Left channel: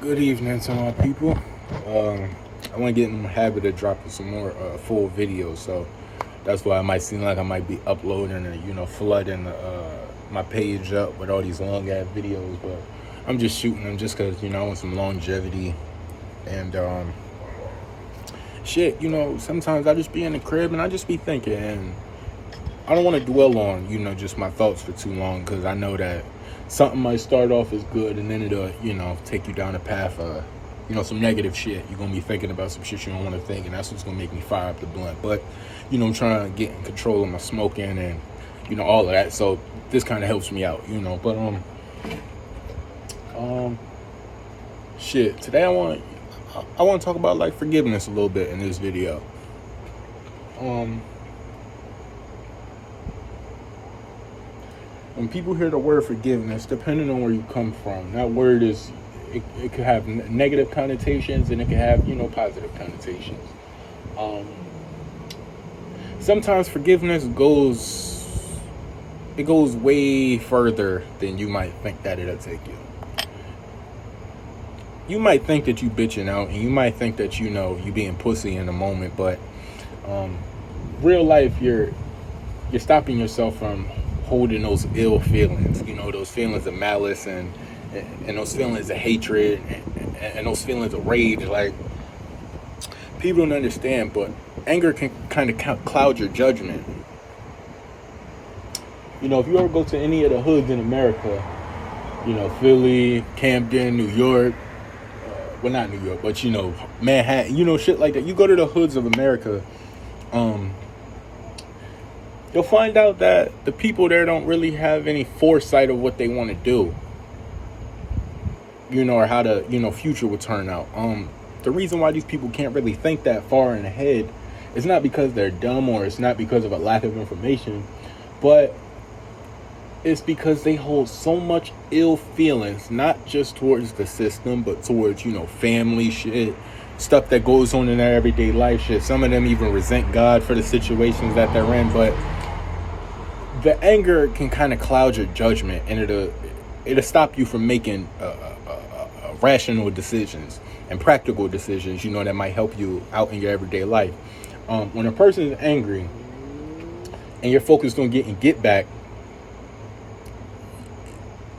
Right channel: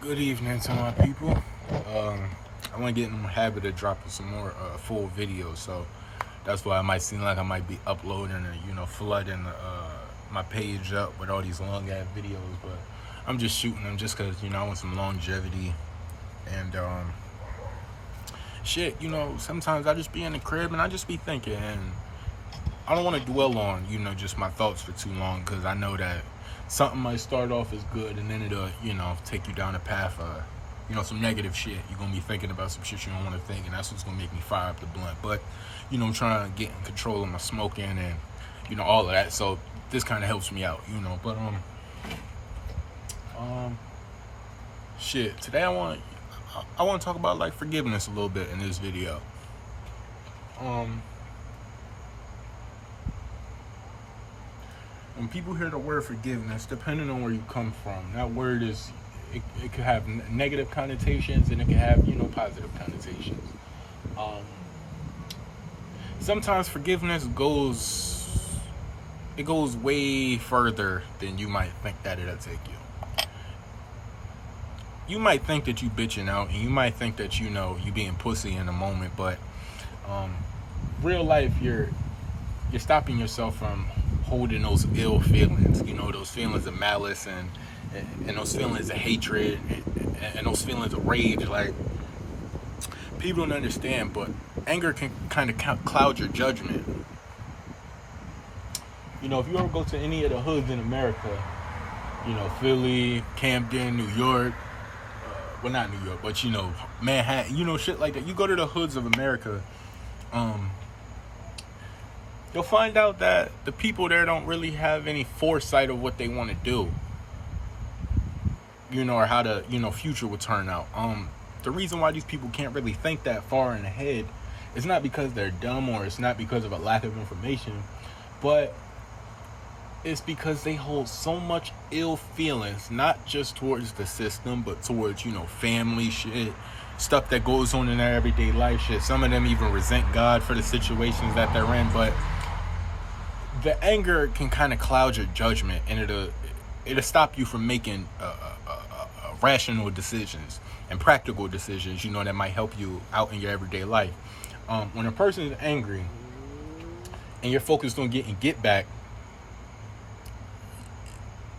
Good evening to my people. I want to get in the habit of dropping some more full videos, so that's why it might seem like I might be uploading and flooding my page up with all these long ass videos. But I'm just shooting them just because I want some longevity and shit. Sometimes I just be in the crib and I just be thinking, and I don't want to dwell on just my thoughts for too long, because I know that something might start off as good and then it'll take you down a path of some negative shit. You're gonna be thinking about some shit you don't want to think, and that's what's gonna make me fire up the blunt. But I'm trying to get in control of my smoking and all of that, so this kind of helps me out. But shit, today I want to talk about like forgiveness a little bit in this video. When people hear the word forgiveness, depending on where you come from, that word it could have negative connotations and it can have positive connotations. Sometimes forgiveness goes way further than you might think that it'll take you. You might think that you bitching out, and you might think that you being pussy in the moment, but real life you're stopping yourself from holding those ill feelings, those feelings of malice and those feelings of hatred and those feelings of rage. Like, people don't understand, but anger can kind of cloud your judgment. If you ever go to any of the hoods in America, Philly, Camden, New York, well, not New York, but Manhattan, shit like that. You go to the hoods of America, you'll find out that the people there don't really have any foresight of what they want to do, or how the future will turn out. The reason why these people can't really think that far in ahead is not because they're dumb, or it's not because of a lack of information, but it's because they hold so much ill feelings, not just towards the system, but towards family shit, stuff that goes on in their everyday life shit. Some of them even resent God for the situations that they're in, but the anger can kind of cloud your judgment, and it'll stop you from making rational decisions and practical decisions that might help you out in your everyday life. When a person is angry and you're focused on getting get back,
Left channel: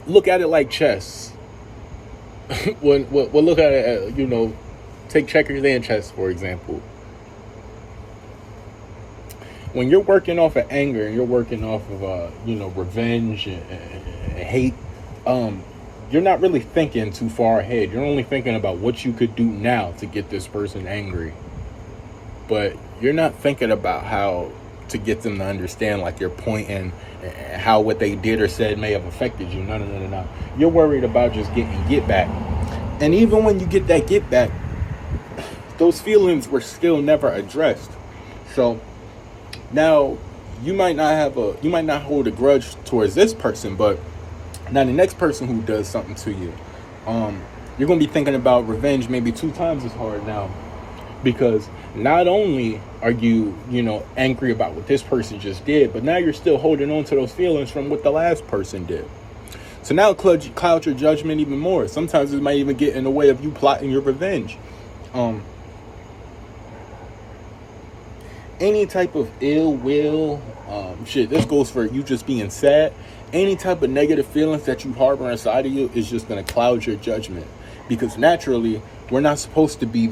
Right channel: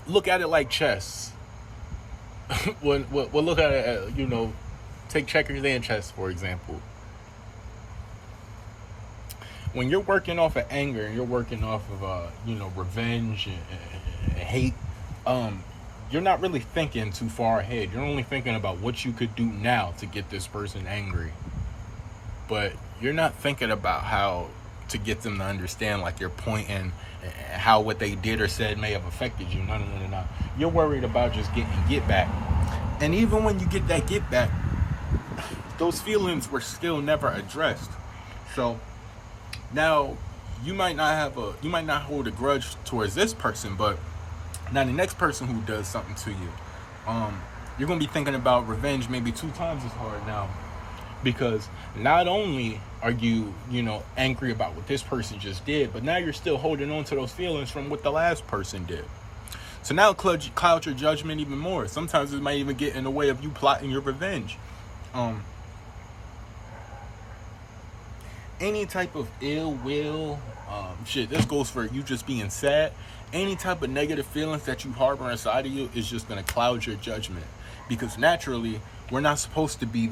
look at it like chess. We'll look at it take checkers and chess, for example. When you're working off of anger and you're working off of revenge and hate, you're not really thinking too far ahead. You're only thinking about what you could do now to get this person angry. But you're not thinking about how to get them to understand, like, your point and how what they did or said may have affected you. No. You're worried about just getting get back. And even when you get that get back, those feelings were still never addressed. So now you might not hold a grudge towards this person, but now the next person who does something to you, you're gonna be thinking about revenge maybe 2 times as hard now, because not only are you angry about what this person just did, but now you're still holding on to those feelings from what the last person did. So now cloud your judgment even more. Sometimes it might even get in the way of you plotting your revenge. Any type of ill will, this goes for you just being sad. Any type of negative feelings that you harbor inside of you is just going to cloud your judgment, because naturally we're not supposed to be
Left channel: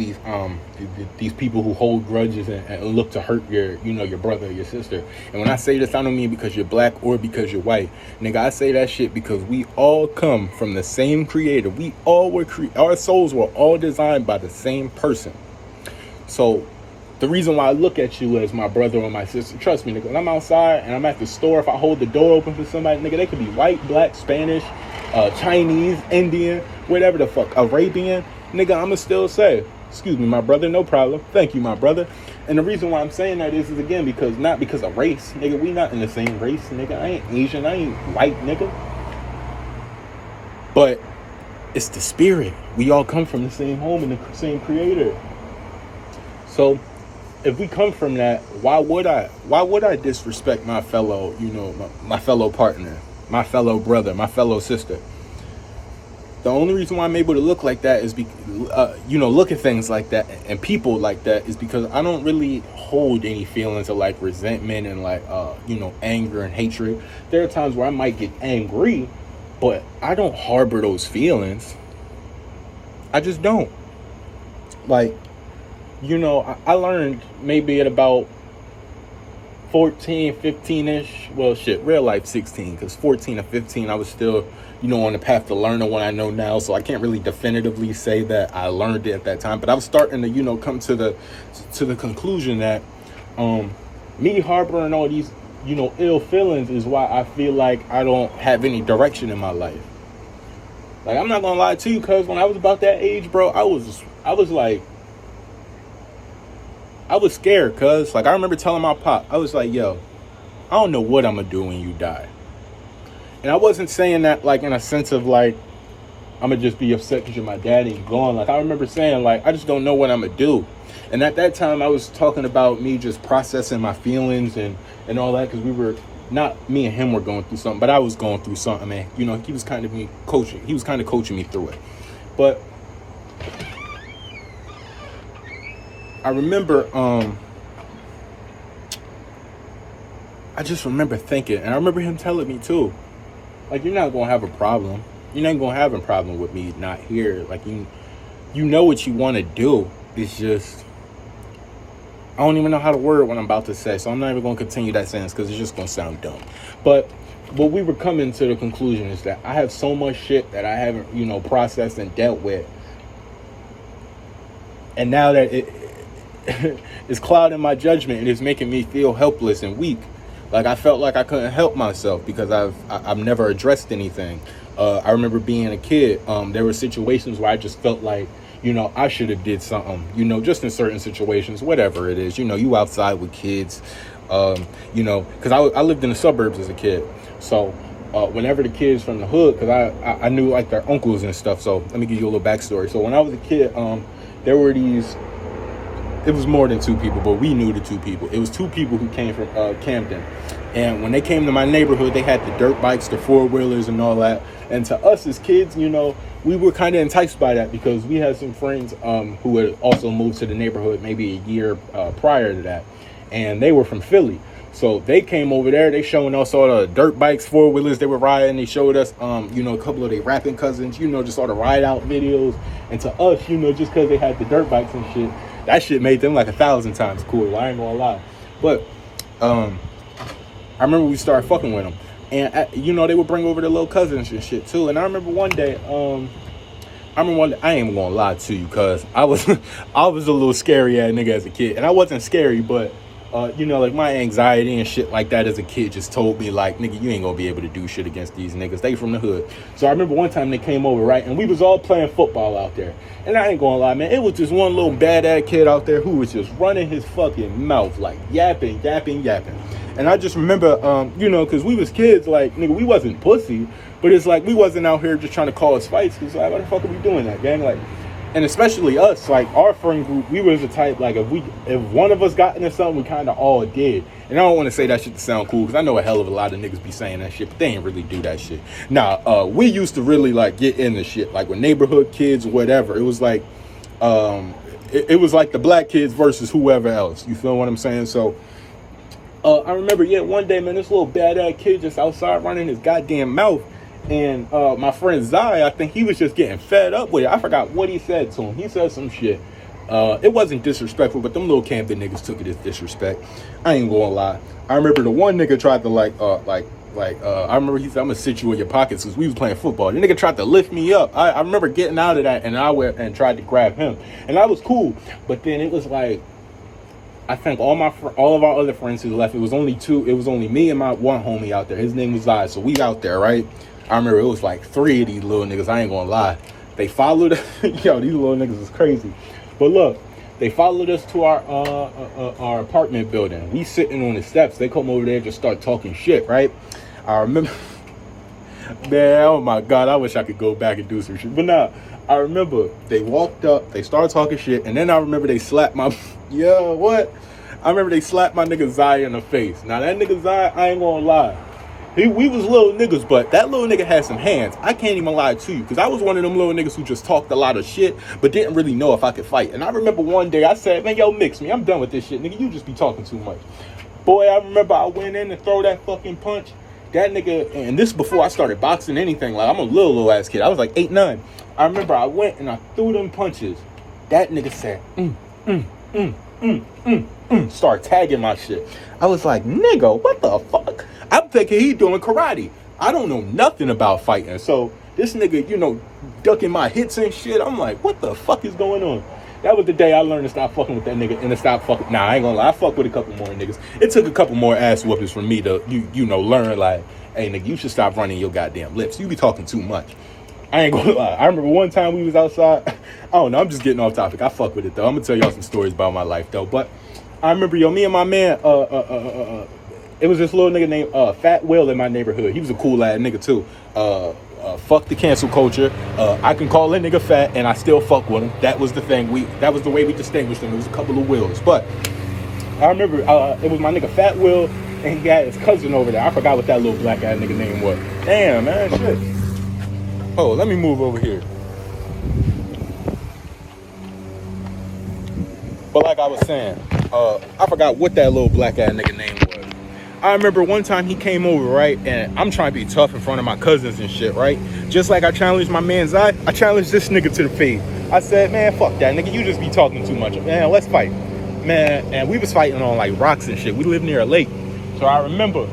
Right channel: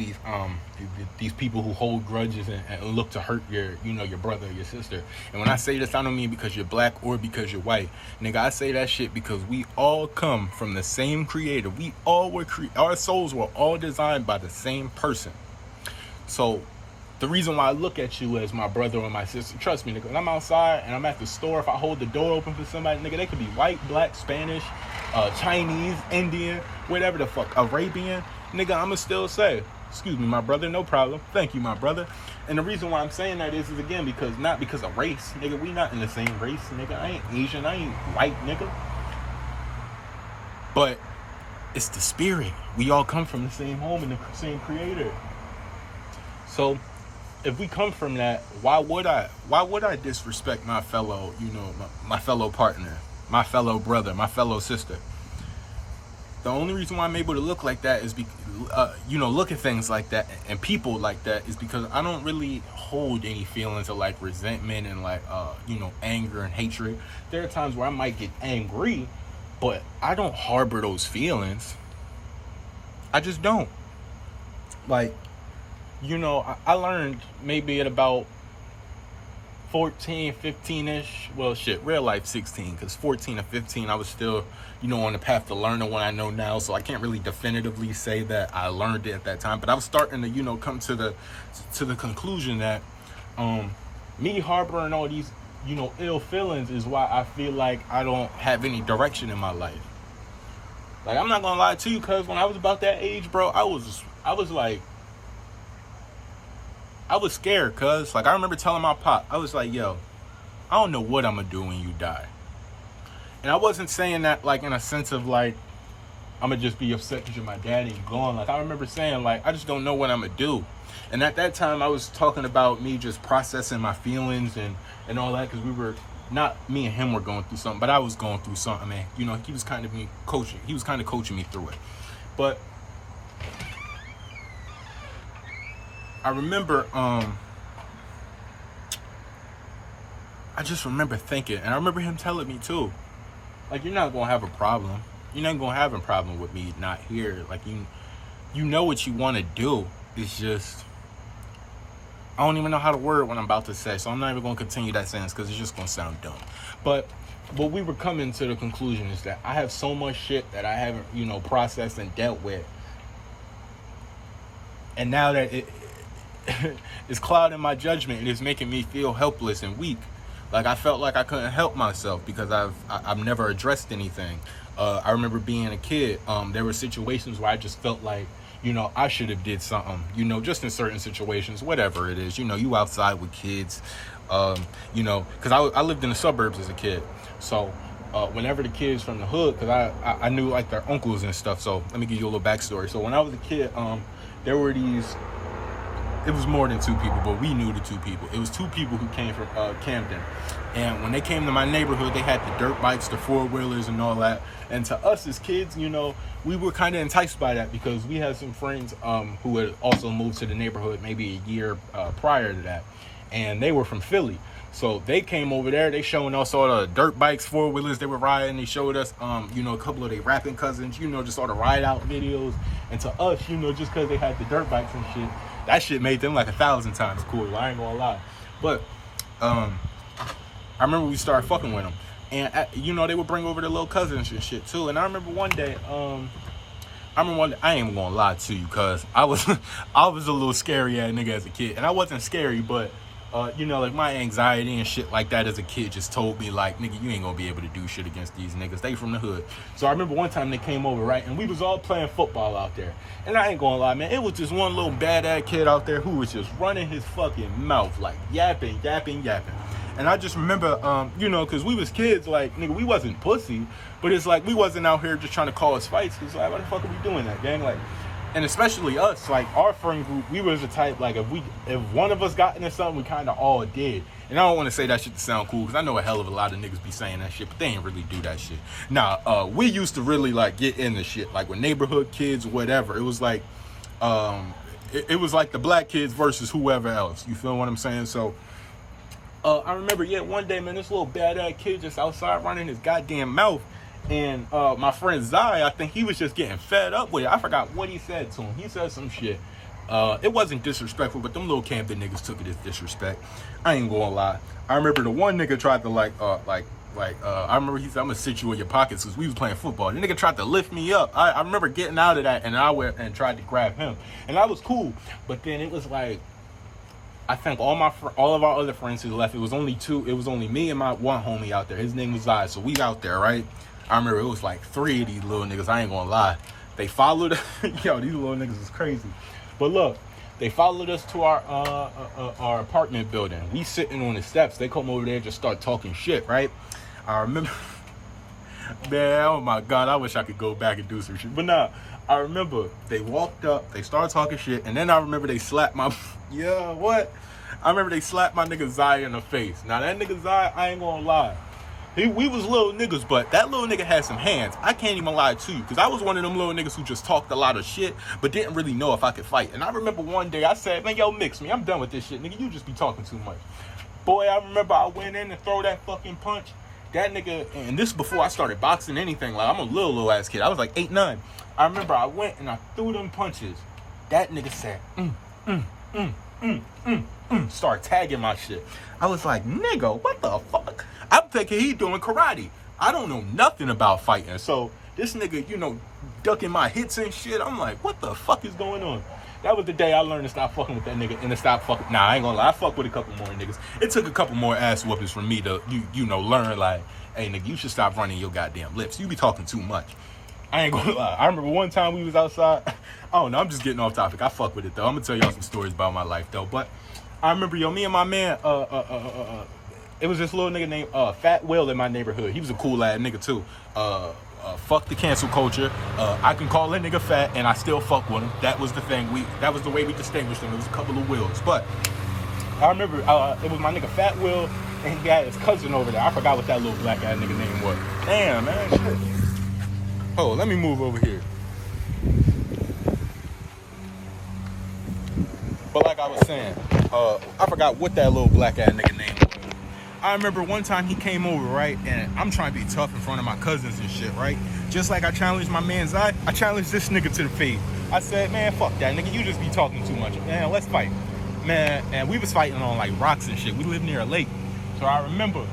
these people who hold grudges and look to hurt your brother or your sister. And when I say this, I don't mean because you're black or because you're white. Nigga, I say that shit because we all come from the same creator. We all were our souls were all designed by the same person. So the reason why I look at you as my brother or my sister, trust me, nigga, when I'm outside and I'm at the store, if I hold the door open for somebody, nigga, they could be white, black, Spanish, Chinese, Indian, whatever the fuck, Arabian, nigga, I'ma still say, excuse me, my brother, no problem. Thank you, my brother. And the reason why I'm saying that is again, because not because of race, nigga, we not in the same race, nigga. I ain't Asian, I ain't white, nigga. But it's the spirit. We all come from the same home and the same creator. So if we come from that, why would I disrespect my fellow, my fellow partner, my fellow brother, my fellow sister? The only reason why I'm able to look like that is look at things like that and people like that is because I don't really hold any feelings of like resentment and like anger and hatred. There are times where I might get angry, but I don't harbor those feelings. I just don't. Like, I learned maybe at about 14, 15-ish. Well, shit, real life 16, because 14 or 15, I was still, on the path to learning what I know now. So I can't really definitively say that I learned it at that time. But I was starting to, come to the conclusion that me harboring all these, ill feelings is why I feel like I don't have any direction in my life. Like, I'm not gonna lie to you, because when I was about that age, bro, I was scared, cuz. Like, I remember telling my pop, I was like, yo, I don't know what I'm gonna do when you die. And I wasn't saying that, like, in a sense of, like, I'm gonna just be upset because you're my daddy and gone. Like, I remember saying, like, I just don't know what I'm gonna do. And at that time, I was talking about me just processing my feelings and all that, because me and him were going through something, but I was going through something, man. He was kind of coaching me through it. But I remember, I just remember thinking, and I remember him telling me too, like, you're not going to have a problem. You're not going to have a problem with me not here. Like, you know what you want to do. It's just, I don't even know how to word what I'm about to say, so I'm not even going to continue that sentence because it's just going to sound dumb. But what we were coming to the conclusion is that I have so much shit that I haven't, processed and dealt with. And now that it's clouding my judgment, and it's making me feel helpless and weak. Like, I felt like I couldn't help myself because I've never addressed anything. I remember being a kid. There were situations where I just felt like, I should have did something, just in certain situations, whatever it is, you outside with kids, because I lived in the suburbs as a kid. So whenever the kids from the hood, because I knew like their uncles and stuff. So let me give you a little backstory. So when I was a kid, there were it was more than two people, but we knew the two people. It was two people who came from Camden. And when they came to my neighborhood, they had the dirt bikes, the four-wheelers and all that. And to us as kids, we were kind of enticed by that because we had some friends who had also moved to the neighborhood maybe a year prior to that. And they were from Philly. So they came over there. They showing us all the dirt bikes, four-wheelers they were riding. They showed us, a couple of their rapping cousins, just all the ride-out videos. And to us, just because they had the dirt bikes and shit, that shit made them like 1,000 times cooler. I ain't gonna lie. But I remember we started fucking with them. And, they would bring over their little cousins and shit, too. And I remember one day, I ain't gonna lie to you, because I was a little scary-ass nigga as a kid. And I wasn't scary, but like my anxiety and shit like that as a kid just told me like, nigga, you ain't gonna be able to do shit against these niggas. They from the hood. So I remember one time they came over, right? And we was all playing football out there. And I ain't gonna lie, man, it was just one little bad-ass kid out there who was just running his fucking mouth, like yapping. And I just remember, because we was kids, like, nigga, we wasn't pussy, but it's like we wasn't out here just trying to cause fights. Cause like, why the fuck are we doing that, gang? Like, and especially us, like our friend group, we was the type, like if one of us got into something, we kind of all did. And I don't want to say that shit to sound cool, because I know a hell of a lot of niggas be saying that shit, but they ain't really do that shit. Nah, we used to really like get into shit, like with neighborhood kids or whatever. It was like, it was like the black kids versus whoever else. You feel what I'm saying? So, I remember, one day, man, this little badass kid just outside running his goddamn mouth. And my friend Zai, I think he was just getting fed up with it. I forgot what he said to him. He said some shit. It wasn't disrespectful, but them little Camden niggas took it as disrespect. I ain't gonna lie. I remember the one nigga tried to I remember he said, I'm gonna sit you in your pockets, because we was playing football. The nigga tried to lift me up. I remember getting out of that, and I went and tried to grab him. And I was cool. But then it was like, I think all of our other friends who left, it was only me and my one homie out there. His name was Zai. So we out there, right? I remember it was like 3 of these little niggas. I ain't gonna lie. They followed, these little niggas is crazy. But look, they followed us to our apartment building. We sitting on the steps. They come over there and just start talking shit, right? I remember, man, oh my God, I wish I could go back and do some shit. But nah, I remember they walked up, they started talking shit, and then I remember they slapped my, I remember they slapped my nigga Zai in the face. Now that nigga Zai, I ain't gonna lie. We was little niggas, but that little nigga had some hands. I can't even lie to you, because I was one of them little niggas who just talked a lot of shit, but didn't really know if I could fight. And I remember one day I said, man, yo, mix me. I'm done with this shit, nigga. You just be talking too much. Boy, I remember I went in and throw that fucking punch. That nigga, and this before I started boxing anything. Like, I'm a little ass kid. I was like 8, 9. I remember I went and I threw them punches. That nigga said, start tagging my shit. I was like, nigga, what the fuck? I'm thinking he doing karate. I don't know nothing about fighting. So this nigga, you know, ducking my hits and shit. I'm like, what the fuck is going on? That was the day I learned to stop fucking with that nigga and to stop fucking. Nah, I ain't gonna lie. I fuck with a couple more niggas. It took a couple more ass whoopings for me to, you know, learn like, hey, nigga, you should stop running your goddamn lips. You be talking too much. I ain't gonna lie. I remember one time we was outside. I don't know. I'm just getting off topic. I fuck with it though. I'm gonna tell y'all some stories about my life though. But I remember, yo, me and my man, it was this little nigga named Fat Will in my neighborhood. He was a cool ass nigga too. Fuck the cancel culture. I can call that nigga fat and I still fuck with him. That was the thing. That was the way we distinguished him. It was a couple of Wills. But I remember it was my nigga Fat Will and he got his cousin over there. I forgot what that little black ass nigga name was. Damn, man, shit. Oh, let me move over here. But like I was saying, I forgot what that little black ass nigga name was. I remember one time he came over, right? And I'm trying to be tough in front of my cousins and shit, right? Just like I challenged my man's eye, I challenged this nigga to the face. I said, man, fuck that nigga. You just be talking too much. Man, let's fight. Man, and we was fighting on like rocks and shit. We lived near a lake. So I remember,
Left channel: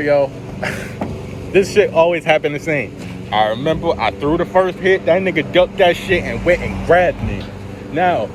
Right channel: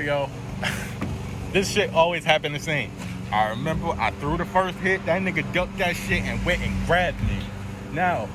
yo, this shit always happened the same. I remember I threw the first hit. That nigga ducked that shit and went and grabbed me. Now,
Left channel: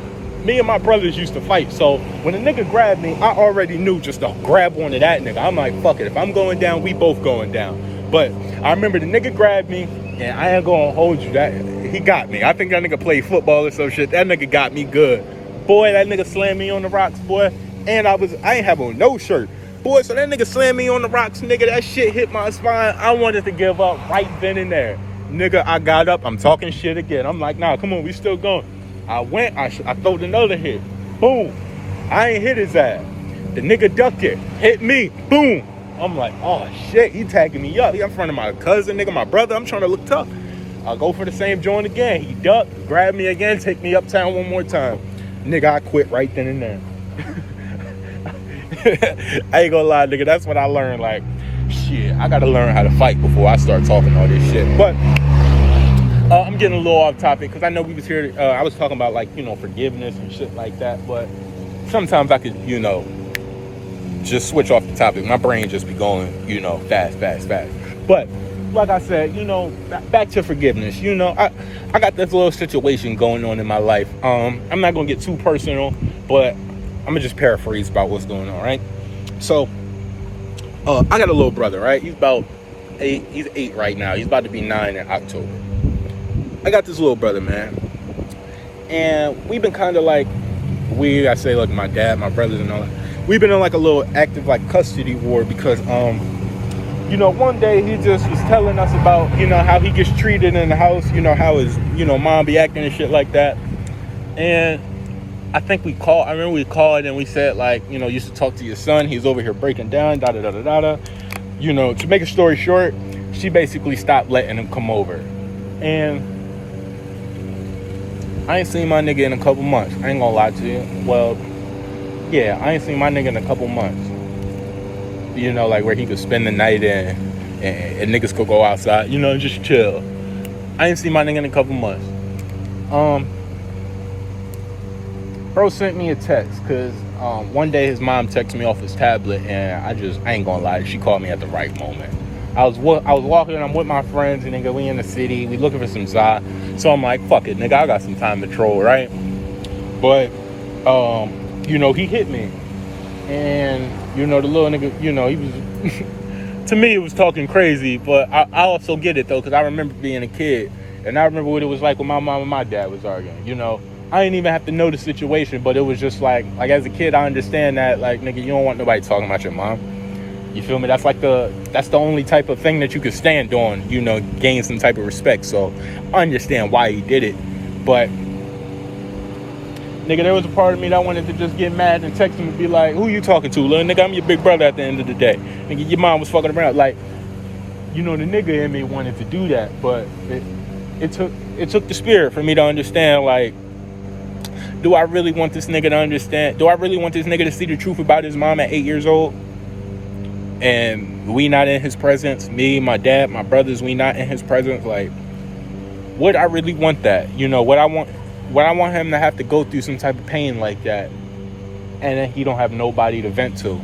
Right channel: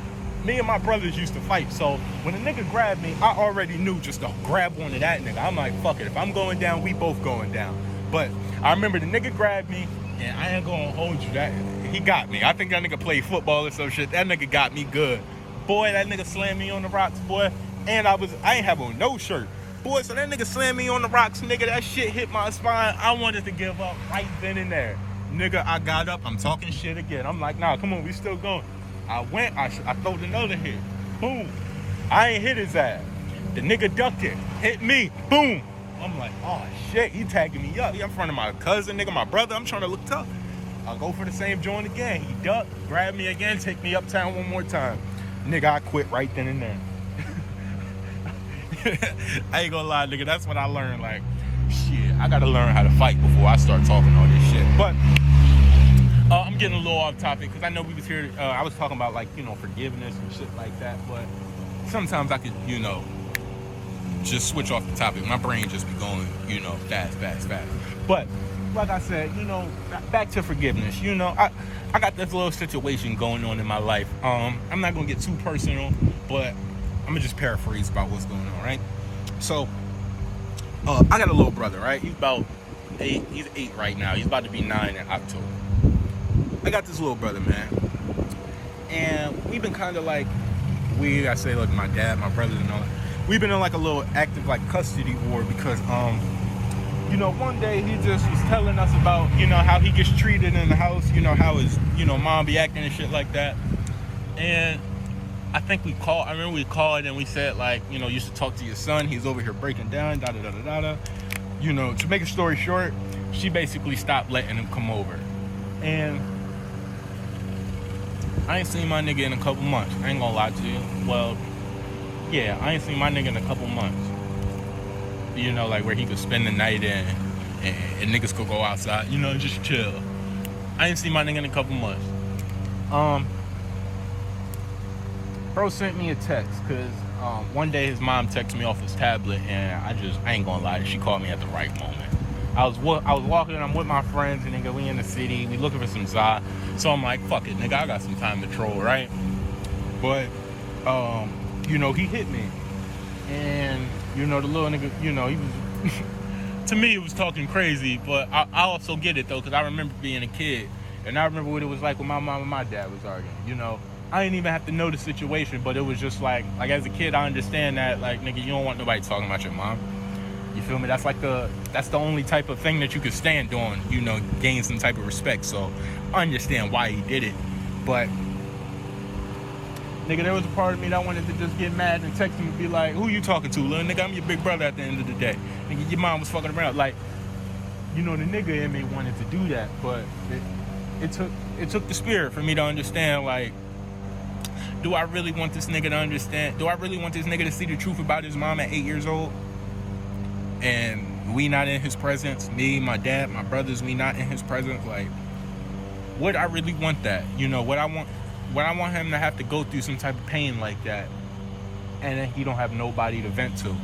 me and my brothers used to fight, so when a nigga grabbed me, I already knew just to grab one of that nigga. I'm like, fuck it. If I'm going down, we both going down. But I remember the nigga grabbed me, and I ain't gonna hold you. That he got me. I think that nigga played football or some shit. That nigga got me good. Boy, that nigga slammed me on the rocks, boy. And I ain't have on no shirt. Boy, so that nigga slammed me on the rocks, nigga. That shit hit my spine. I wanted to give up right then and there. Nigga, I got up. I'm talking shit again. I'm like, nah, come on, we still going. I went, I throwed another hit. Boom. I ain't hit his ass. The nigga ducked it. Hit me. Boom. I'm like, oh shit, he tagging me up. He in front of my cousin, nigga, my brother. I'm trying to look tough. I'll go for the same joint again. He ducked, grabbed me again, take me uptown one more time. Nigga, I quit right then and there. I ain't gonna lie, nigga. That's what I learned. Like, shit, I gotta learn how to fight before I start talking all this shit. But I'm getting a little off topic because I know we was here. I was talking about like, you know, forgiveness and shit like that. But sometimes I could, you know, just switch off the topic. My brain just be going, you know, fast. But like I said, you know, back to forgiveness. You know, I got this little situation going on in my life. I'm not gonna get too personal, but I'm gonna just paraphrase about what's going on, right? So, I got a little brother, right? He's about 8. He's 8 right now. He's about to be 9 in October. I got this little brother, man, and we've been kind of like, I say like my dad, my brothers, and all that. We've been in like a little active like custody war because, you know, one day he just was telling us about, you know, how he gets treated in the house, you know, how his, you know, mom be acting and shit like that, and I think I remember we called and we said, like, you know, you should talk to your son. He's over here breaking down, da-da-da-da-da. You know, to make a story short, she basically stopped letting him come over. And I ain't seen my nigga in a couple months. I ain't gonna lie to you. Well, yeah, I ain't seen my nigga in a couple months. You know, like where he could spend the night and niggas could go outside, you know, just chill. I ain't seen my nigga in a couple months. Bro sent me a text because one day his mom texted me off his tablet, and I ain't gonna lie, she called me at the right moment. I was walking, I'm with my friends, and nigga, we in the city, we looking for some za. So I'm like, fuck it, nigga, I got some time to troll, right? But, you know, he hit me. And, you know, the little nigga, you know, he was, to me, he was talking crazy, but I also get it, though, because I remember being a kid, and I remember what it was like when my mom and my dad was arguing, you know? I didn't even have to know the situation, but it was just like as a kid, I understand that, like, nigga, you don't want nobody talking about your mom. You feel me? That's the only type of thing that you could stand on, you know, gain some type of respect. So I understand why he did it. But Nigga, there was a part of me that wanted to just get mad and text him and be like, who you talking to, little nigga? I'm your big brother at the end of the day. Nigga, your mom was fucking around. Like, the nigga in me wanted to do that, but it took the spirit for me to understand, like, do I really want this nigga to understand? Do I really want this nigga to see the truth about his mom at 8 years old? And we not in his presence. Me, my dad, my brothers, we not in his presence. Like, would I really want that? Would I want him to have to go through some type of pain like that, and then he don't have nobody to vent to?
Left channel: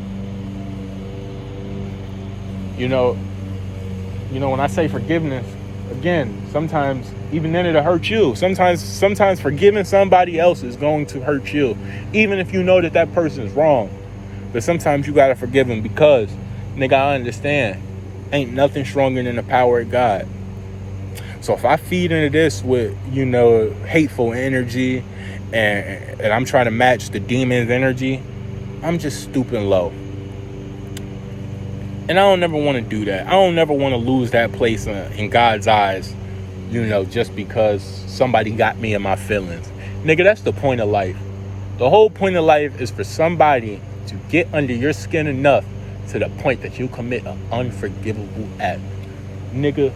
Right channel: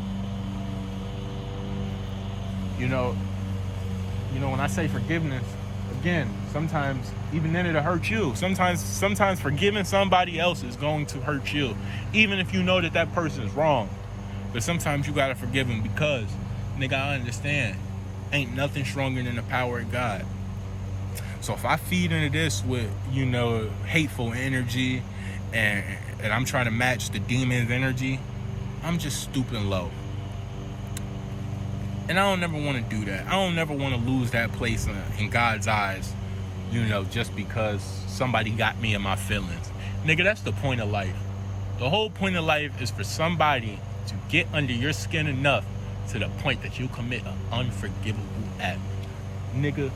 When I say forgiveness, again, sometimes even then it'll hurt you. Sometimes forgiving somebody else is going to hurt you, even if you know that person is wrong. But sometimes you gotta forgive him because, nigga, I understand, ain't nothing stronger than the power of God. So if I feed into this with, hateful energy and I'm trying to match the demon's energy, I'm just stooping low. And I don't never want to do that. I don't never want to lose that place in God's eyes, just because somebody got me in my feelings. Nigga, that's the point of life. The whole point of life is for somebody to get under your skin enough to the point that you commit an unforgivable act. Nigga,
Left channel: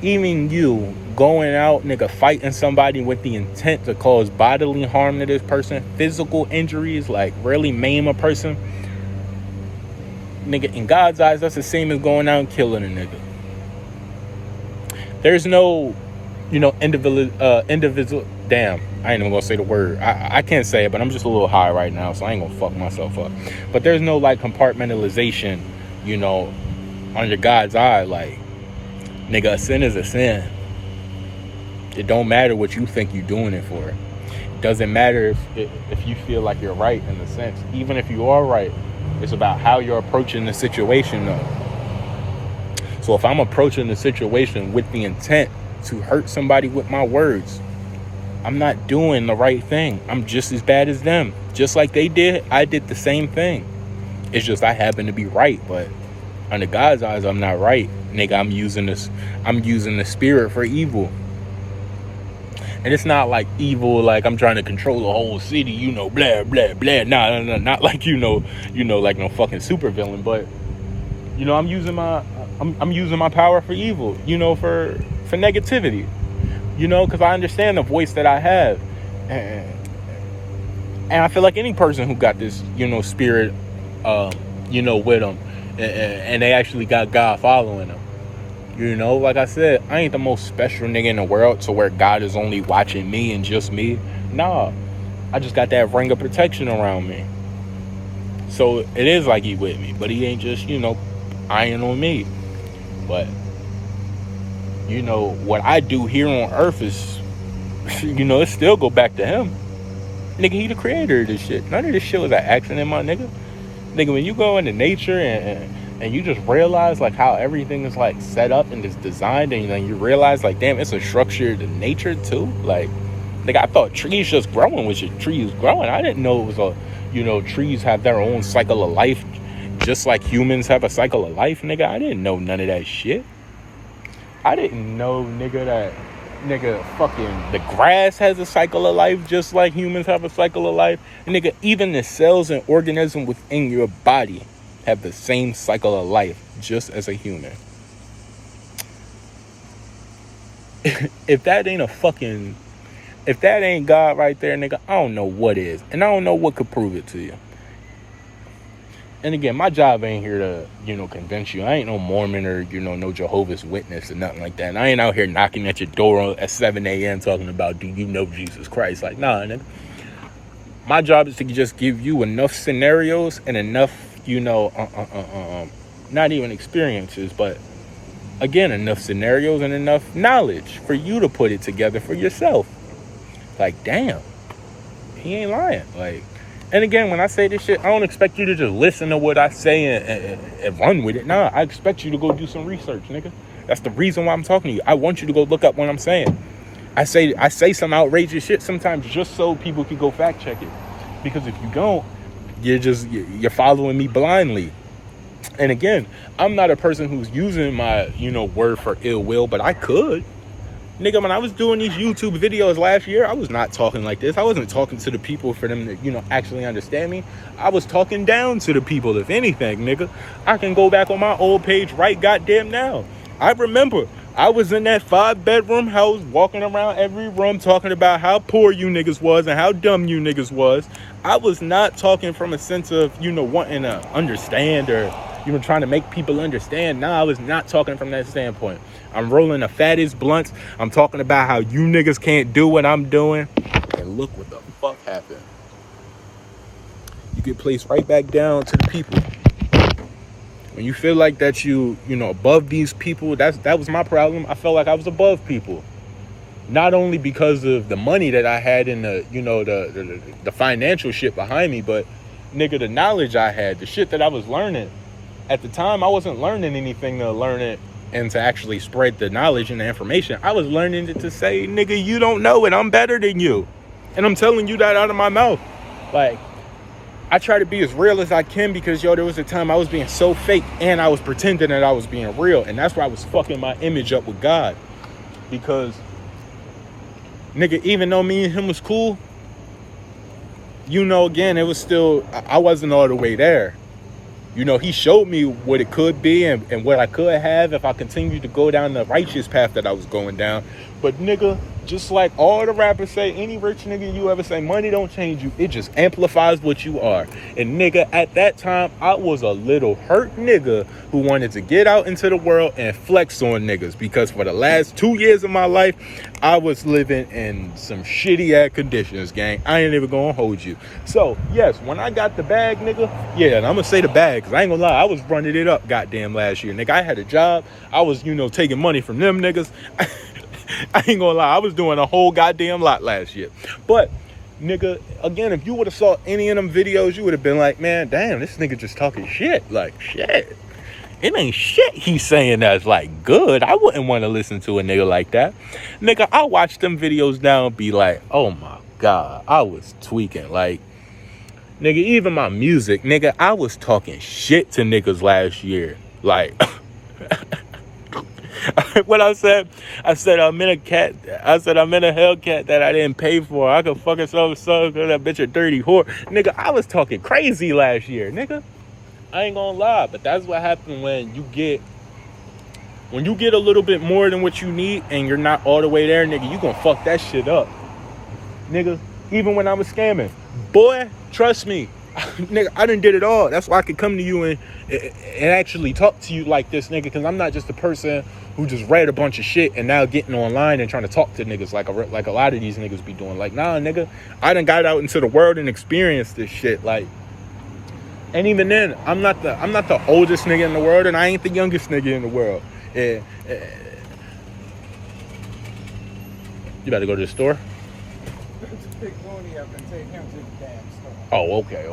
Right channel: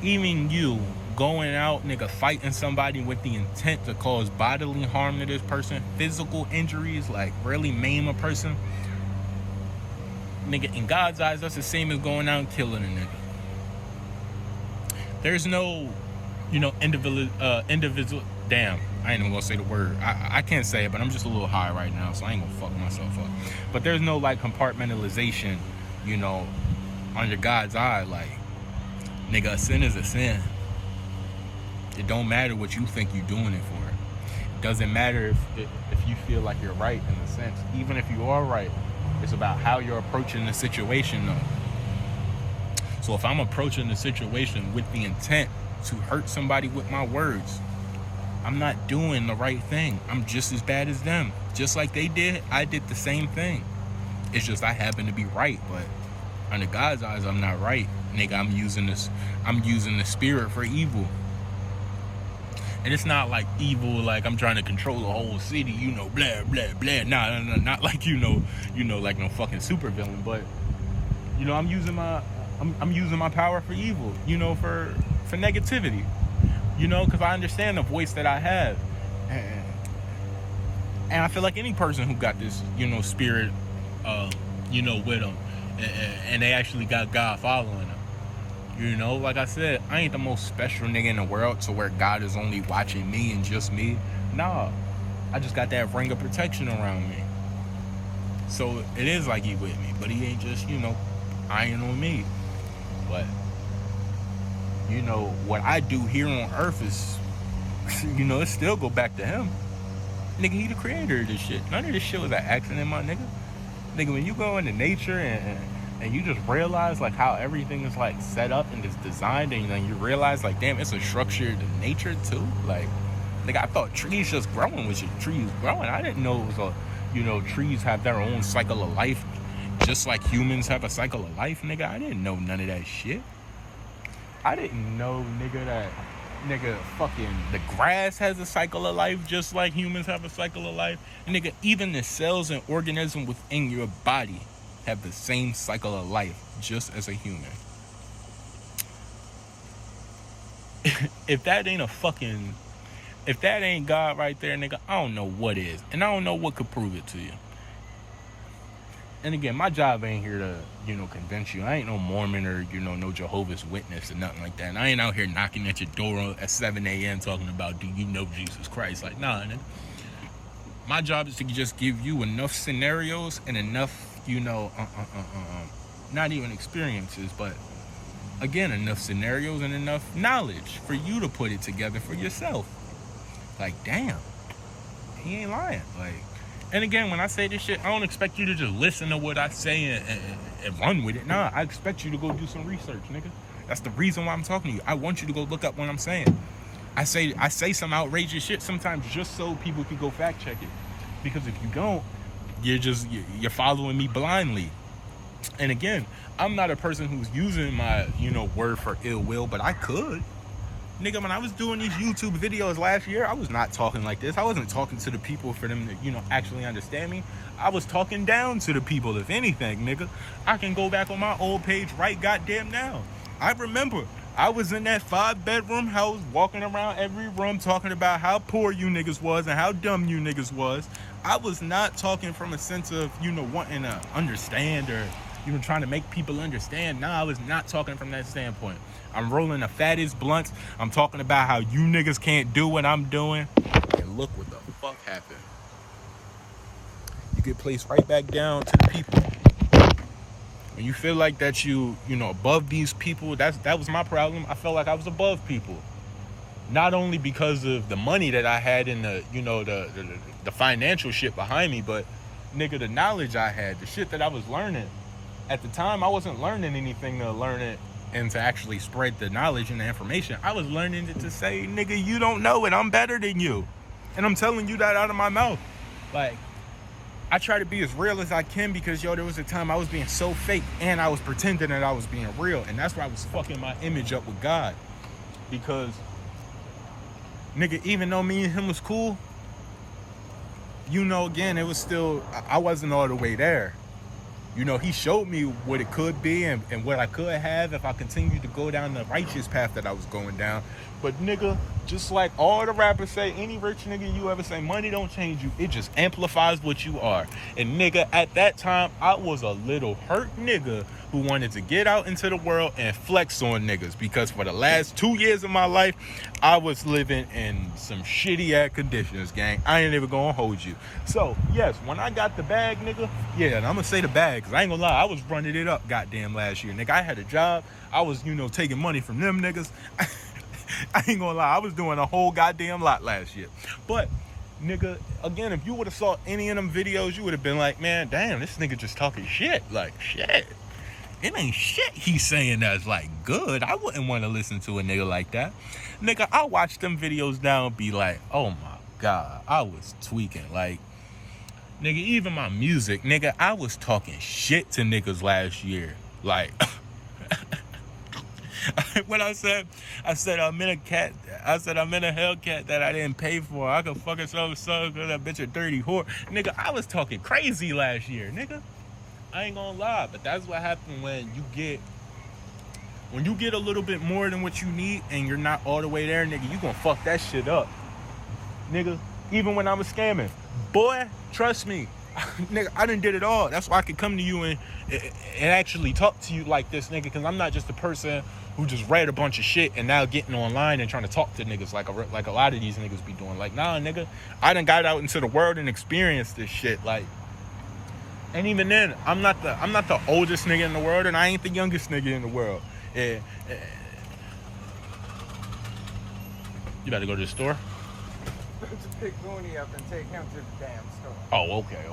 even you going out, nigga, fighting somebody with the intent to cause bodily harm to this person, physical injuries, like really maim a person, nigga, in God's eyes, that's the same as going out and killing a nigga. There's no, individual. Damn, I ain't even gonna say the word. I can't say it, but I'm just a little high right now, so I ain't gonna fuck myself up. But there's no like compartmentalization, under God's eye. Like, nigga, a sin is a sin. It don't matter what you think you're doing it for. It doesn't matter if you feel like you're right in a sense. Even if you are right, it's about how you're approaching the situation, though. So if I'm approaching the situation with the intent to hurt somebody with my words, I'm not doing the right thing. I'm just as bad as them. Just like they did, I did the same thing. It's just I happen to be right, but under God's eyes, I'm not right. Nigga, I'm using the spirit for evil. And it's not like evil, like I'm trying to control the whole city, blah, blah, blah. Nah, not like, like no fucking supervillain. But, I'm using my power for evil, for negativity, because I understand the voice that I have. And I feel like any person who got this, spirit, with them, and they actually got God following them. Like I said, I ain't the most special nigga in the world to where God is only watching me and just me. Nah, I just got that ring of protection around me. So it is like he with me, but he ain't just, eyeing on me. But, what I do here on earth is, it still go back to him. Nigga, he the creator of this shit. None of this shit was an accident, my nigga. Nigga, when you go into nature and you just realize like how everything is like set up and is designed, and you realize like, damn, it's a structure to nature too. Like, nigga, I thought trees just growing was just trees growing. I didn't know it was trees have their own cycle of life, just like humans have a cycle of life, nigga. I didn't know none of that shit. I didn't know, nigga, fucking the grass has a cycle of life just like humans have a cycle of life. And nigga, even the cells and organisms within your body have the same cycle of life just as a human. If that ain't God right there, nigga, I don't know what is. And I don't know what could prove it to you. And again, my job ain't here to, convince you. I ain't no Mormon or, no Jehovah's Witness or nothing like that. And I ain't out here knocking at your door at 7 a.m. talking about, do you know Jesus Christ? Like, nah, nigga. My job is to just give you enough scenarios and enough, not even experiences, but again, enough scenarios and enough knowledge for you to put it together for yourself. Like, damn, he ain't lying. Like, and again, when I say this shit, I don't expect you to just listen to what I say and run with it. Nah, I expect you to go do some research, nigga. That's the reason why I'm talking to you. I want you to go look up what I'm saying. I say some outrageous shit sometimes just so people can go fact check it. Because if you don't, you're following me blindly. And again, I'm not a person who's using my, word for ill will, but I could. Nigga, when I was doing these YouTube videos last year, I was not talking like this. I wasn't talking to the people for them to, actually understand me. I was talking down to the people, if anything, nigga. I can go back on my old page right goddamn now. I remember I was in that 5-bedroom house walking around every room talking about how poor you niggas was and how dumb you niggas was. I was not talking from a sense of, wanting to understand or, trying to make people understand. Nah, I was not talking from that standpoint. I'm rolling the fattest blunts. I'm talking about how you niggas can't do what I'm doing. And look what the fuck happened. You get placed right back down to the people. When you feel like that above these people, that was my problem. I felt like I was above people. Not only because of the money that I had in the financial shit behind me, but nigga, the knowledge I had, the shit that I was learning. At the time, I wasn't learning anything to learn it and to actually spread the knowledge and the information. I was learning it to say, nigga, you don't know it. I'm better than you. And I'm telling you that out of my mouth. Like, I try to be as real as I can because, there was a time I was being so fake and I was pretending that I was being real. And that's why I was fucking my image up with God. Because, nigga, even though me and him was cool, again, it was still, I wasn't all the way there. He showed me what it could be and what I could have if I continued to go down the righteous path that I was going down. But nigga, just like all the rappers say, any rich nigga you ever say, money don't change you. It just amplifies what you are. And nigga, at that time, I was a little hurt nigga who wanted to get out into the world and flex on niggas. Because for the last 2 years of my life, I was living in some shitty ass conditions, gang. I ain't even gonna hold you. So, yes, when I got the bag, nigga, yeah, and I'm gonna say the bag, because I ain't gonna lie, I was running it up goddamn last year. Nigga, I had a job. I was, taking money from them niggas. I ain't gonna lie, I was doing a whole goddamn lot last year. But, nigga, again, if you would have saw any of them videos, you would have been like, man, damn, this nigga just talking shit. Like, shit. It ain't shit he's saying that's, like, good. I wouldn't want to listen to a nigga like that. Nigga, I watch them videos now and be like, oh, my God, I was tweaking. Like, nigga, even my music, nigga, I was talking shit to niggas last year. Like... What I said I'm in a Hellcat that I didn't pay for. I could fuck herself so because that bitch a dirty whore. Nigga, I was talking crazy last year, nigga. I ain't gonna lie, but that's what happened when you get a little bit more than what you need and you're not all the way there, nigga, you gonna fuck that shit up. Nigga, even when I was scamming. Boy, trust me. Nigga, I done did it all. That's why I could come to you and actually talk to you like this, nigga, because I'm not just a person who just read a bunch of shit and now getting online and trying to talk to niggas like a lot of these niggas be doing. Like, nah, nigga, I done got out into the world and experienced this shit. Like, and even then, I'm not the oldest nigga in the world, and I ain't the youngest nigga in the world. Yeah. You better go to the store? Pick Mooney up and take him to the damn store. Oh, okay.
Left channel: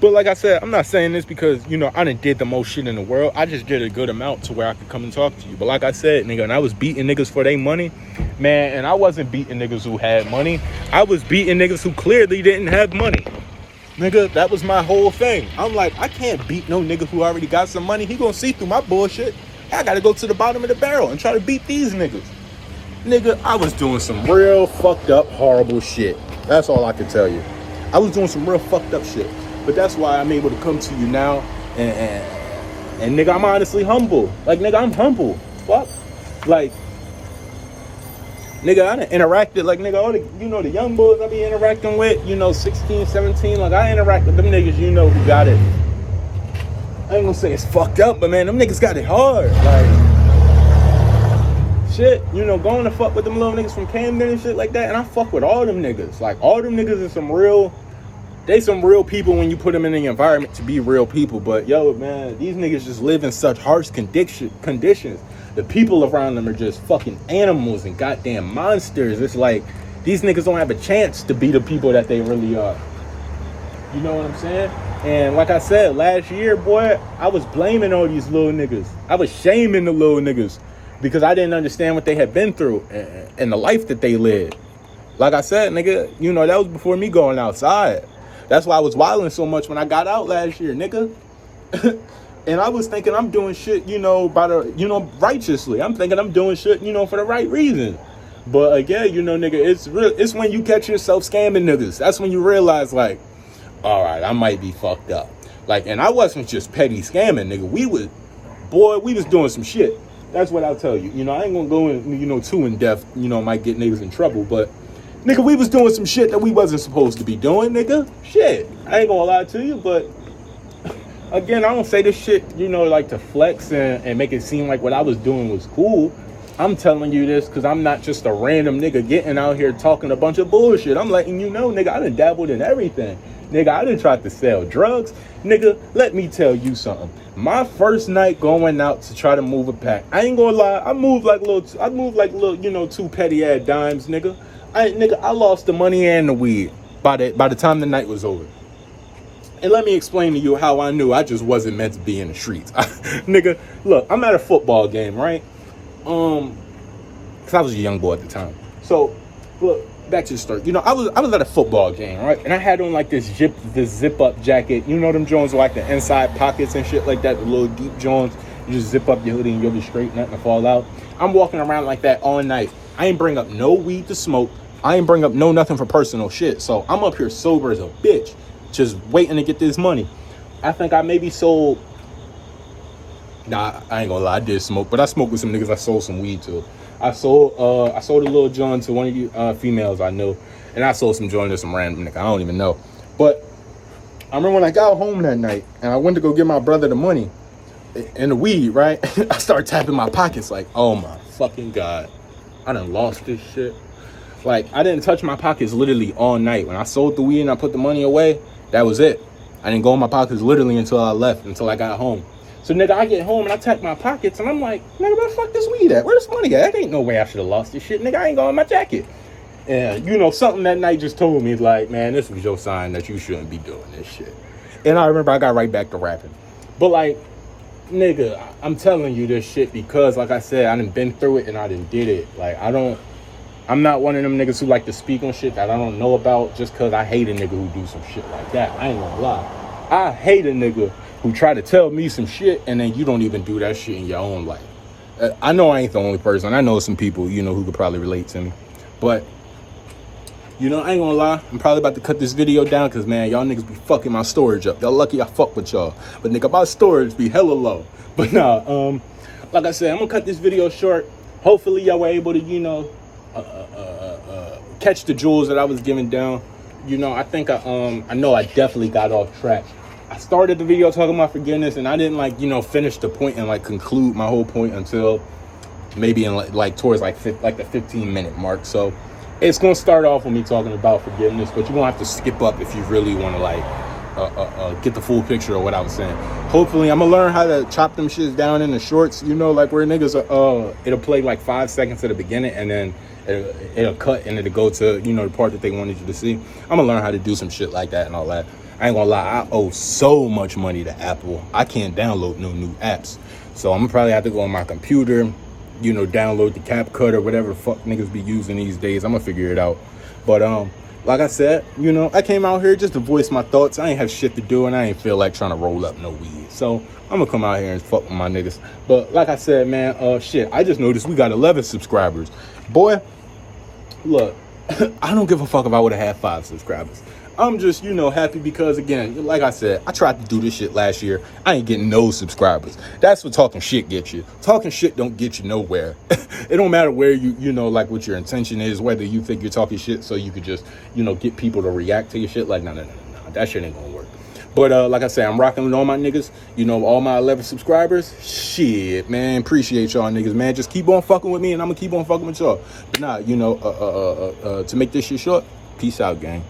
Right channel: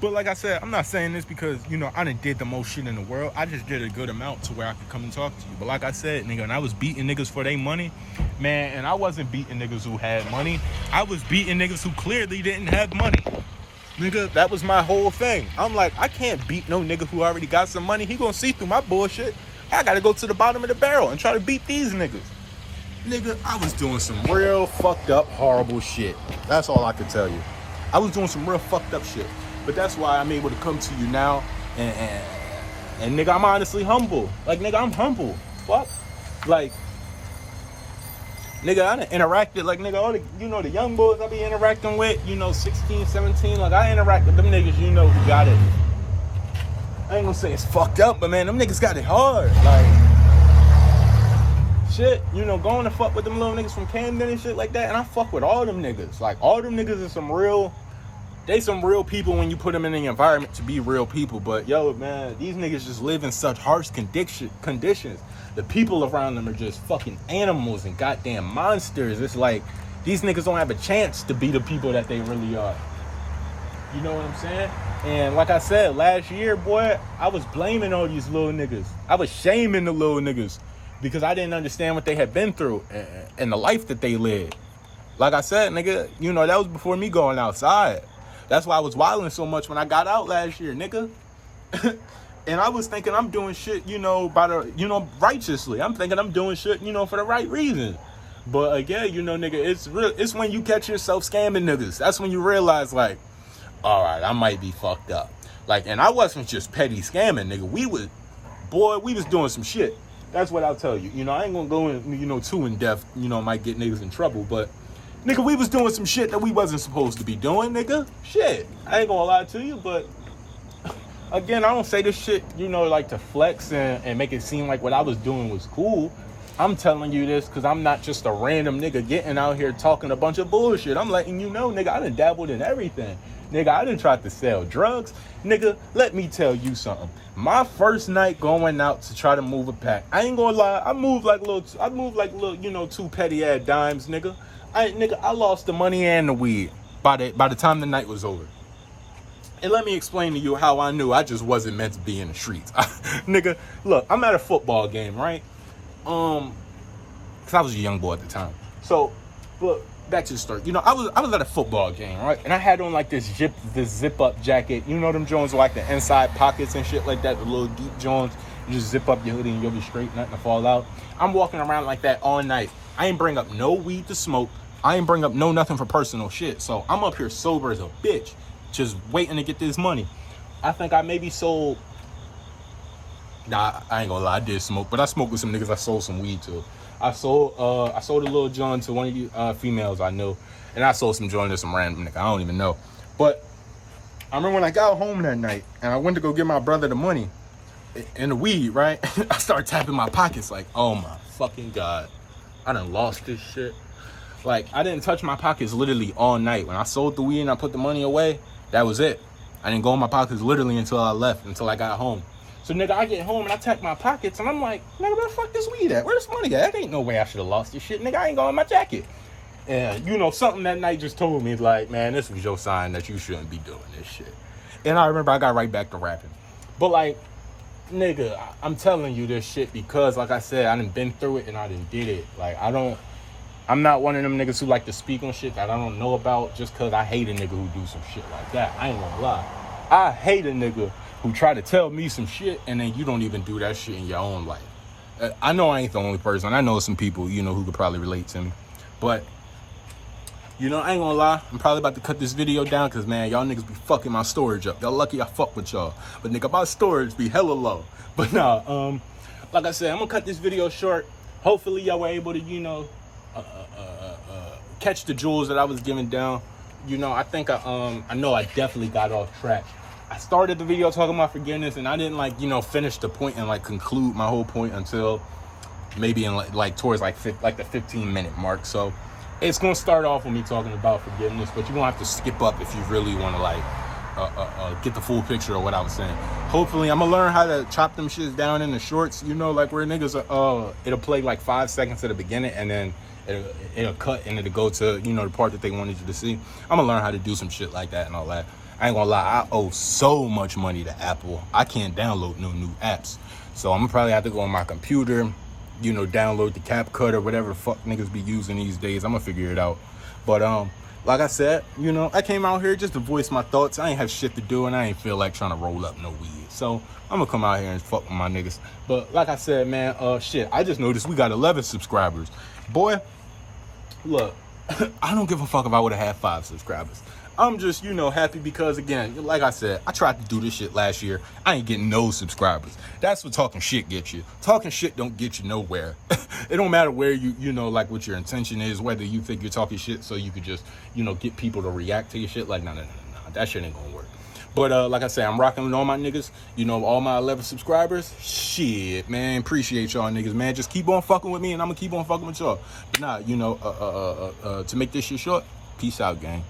But like I said, I'm not saying this because, I done did the most shit in the world. I just did a good amount to where I could come and talk to you. But like I said, nigga, and I was beating niggas for their money, man, and I wasn't beating niggas who had money. I was beating niggas who clearly didn't have money. Nigga, that was my whole thing. I'm like, I can't beat no nigga who already got some money. He gonna see through my bullshit. I gotta go to the bottom of the barrel and try to beat these niggas. Nigga, I was doing some real fucked up, horrible shit. That's all I can tell you. I was doing some real fucked up shit. But that's why I'm able to come to you now. And nigga, I'm honestly humble. Like, nigga, I'm humble. Fuck. Like, nigga, I done interacted, like, nigga, all the, the young boys I be interacting with, 16, 17, like, I interact with them niggas, who got it. I ain't gonna say it's fucked up, but man, them niggas got it hard. Like, shit, going to fuck with them little niggas from Camden and shit like that, and I fuck with all them niggas. Like, all them niggas are some real people when you put them in the environment to be real people. But, yo, man, these niggas just live in such harsh conditions. The people around them are just fucking animals and goddamn monsters. It's like, these niggas don't have a chance to be the people that they really are. You know what I'm saying? And like I said, last year, boy, I was blaming all these little niggas. I was shaming the little niggas because I didn't understand what they had been through and the life that they lived. Like I said, nigga, that was before me going outside. That's why I was wilding so much when I got out last year, nigga. And I was thinking I'm doing shit, righteously. I'm thinking I'm doing shit, for the right reason. But again, nigga, it's when you catch yourself scamming niggas. That's when you realize, like, all right, I might be fucked up. Like, and I wasn't just petty scamming, nigga. We was doing some shit. That's what I'll tell you. I ain't gonna go in, too in depth, might get niggas in trouble. But, nigga, we was doing some shit that we wasn't supposed to be doing, nigga. Shit. I ain't gonna lie to you, but again, I don't say this shit, like to flex and make it seem like what I was doing was cool. I'm telling you this because I'm not just a random nigga getting out here talking a bunch of bullshit. I'm letting you know, nigga, I done dabbled in everything. Nigga, I done tried to sell drugs. Nigga, let me tell you something. My first night going out to try to move a pack, I ain't gonna lie, I moved like little, two petty ass dimes, nigga. I lost the money and the weed by the time the night was over. And let me explain to you how I knew I just wasn't meant to be in the streets. Nigga, look, I'm at a football game, right? Cause I was a young boy at the time. So, look, back to the story. I was at a football game, right? And I had on like this zip up jacket. Them Jones with like the inside pockets and shit like that, the little deep Jones. You just zip up your hoodie and you'll be straight, nothing to fall out. I'm walking around like that all night. I ain't bring up no weed to smoke. I ain't bring up nothing for personal shit. So I'm up here sober as a bitch, just waiting to get this money. I think I maybe sold. Nah, I ain't gonna lie, I did smoke, but I smoked with some niggas I sold some weed to. I sold a little joint to one of you females I knew, and I sold some joint to some random nigga I don't even know. But I remember when I got home that night and I went to go give my brother the money and the weed, right? I started tapping my pockets like, oh my fucking God, I done lost this shit. Like, I didn't touch my pockets literally all night. When I sold the weed and I put the money away, that was it. I didn't go in my pockets literally until I got home. So, nigga, I get home and I tap my pockets and I'm like, nigga, where the fuck this weed at? Where this money at? That ain't no way I should have lost this shit. Nigga, I ain't going in my jacket. And, something that night just told me, like, man, this was your sign that you shouldn't be doing this shit. And I remember I got right back to rapping. But, like, nigga, I'm telling you this shit because, like I said, I done been through it and I done did it. Like, I'm not one of them niggas who like to speak on shit that I don't know about just because I hate a nigga who do some shit like that. I ain't gonna lie. I hate a nigga who try to tell me some shit and then you don't even do that shit in your own life. I know I ain't the only person. I know some people, who could probably relate to me. But, I ain't gonna lie. I'm probably about to cut this video down because, man, y'all niggas be fucking my storage up. Y'all lucky I fuck with y'all. But, nigga, my storage be hella low. But, nah, like I said, I'm gonna cut this video short. Hopefully y'all were able to, catch the jewels that I was giving down. I think I know I definitely got off track. I started the video talking about forgiveness and I didn't finish the point and conclude my whole point until maybe in towards the 15-minute mark. So it's gonna start off with me talking about forgiveness, but you're gonna have to skip up if you really want to get the full picture of what I was saying. Hopefully I'm gonna learn how to chop them shits down in the shorts, like where niggas it'll play 5 seconds at the beginning and then it'll cut and it'll go to the part that they wanted you to see. I'm gonna learn how to do some shit like that and all that. I ain't gonna lie, I owe so much money to Apple. I can't download no new apps. So I'm gonna probably have to go on my computer, download the CapCut or whatever the fuck niggas be using these days. I'm gonna figure it out. But like I said, I came out here just to voice my thoughts. I ain't have shit to do and I ain't feel like trying to roll up no weed. So I'm gonna come out here and fuck with my niggas. But like I said, man, shit, I just noticed we got 11 subscribers. Boy, look, I don't give a fuck if I would have had 5 subscribers. I'm just, happy because, again, like I said, I tried to do this shit last year. I ain't getting no subscribers. That's what talking shit gets you. Talking shit don't get you nowhere. It don't matter where what your intention is, whether you think you're talking shit so you could just, get people to react to your shit. Like, no. That shit ain't gonna work. But, like I said, I'm rocking with all my niggas. All my 11 subscribers. Shit, man. Appreciate y'all niggas, man. Just keep on fucking with me and I'm gonna keep on fucking with y'all. But nah, to make this shit short, peace out, gang.